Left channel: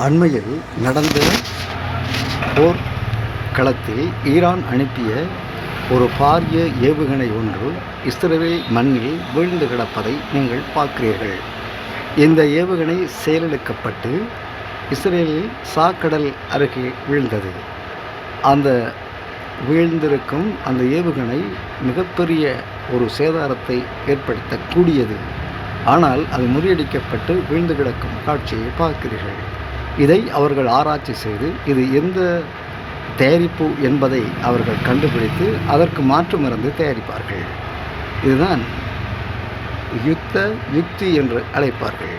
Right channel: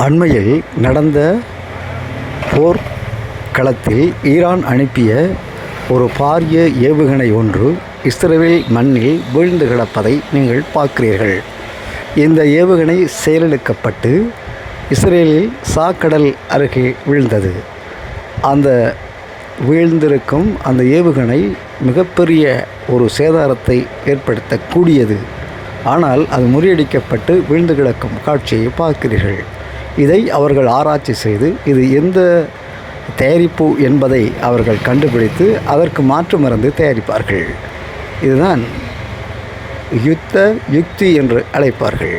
அண்மையில் நடந்த போர் களத்தில் ஈரான் அனுப்பிய ஒரு பாரிய ஏவுகணை ஒன்று இஸ்ரேல் மண்ணில் வீழ்ந்து கிடப்பதை நீங்கள் பார்க்கிறீர்கள். இந்த ஏவுகணை செயலிழக்கப்பட்டு இஸ்ரேலில் சாக்கடல் அருகே விழுந்தது. அந்த வீழ்ந்திருக்கும் அந்த ஏவுகணை மிகப்பெரிய ஒரு சேதாரத்தை ஏற்படுத்தக்கூடியது. ஆனால் அது முறியடிக்கப்பட்டு வீழ்ந்து கிடக்கும் காட்சியை பார்க்கிறீர்கள். இதை அவர்கள் ஆராய்ச்சி செய்து இது எந்த தயாரிப்பு என்பதை அவர்கள் கண்டுபிடித்து அதற்கு மாற்று மருந்து தயாரிப்பார்கள். இதுதான் யுத்த யுக்தி என்று அழைப்பார்கள்.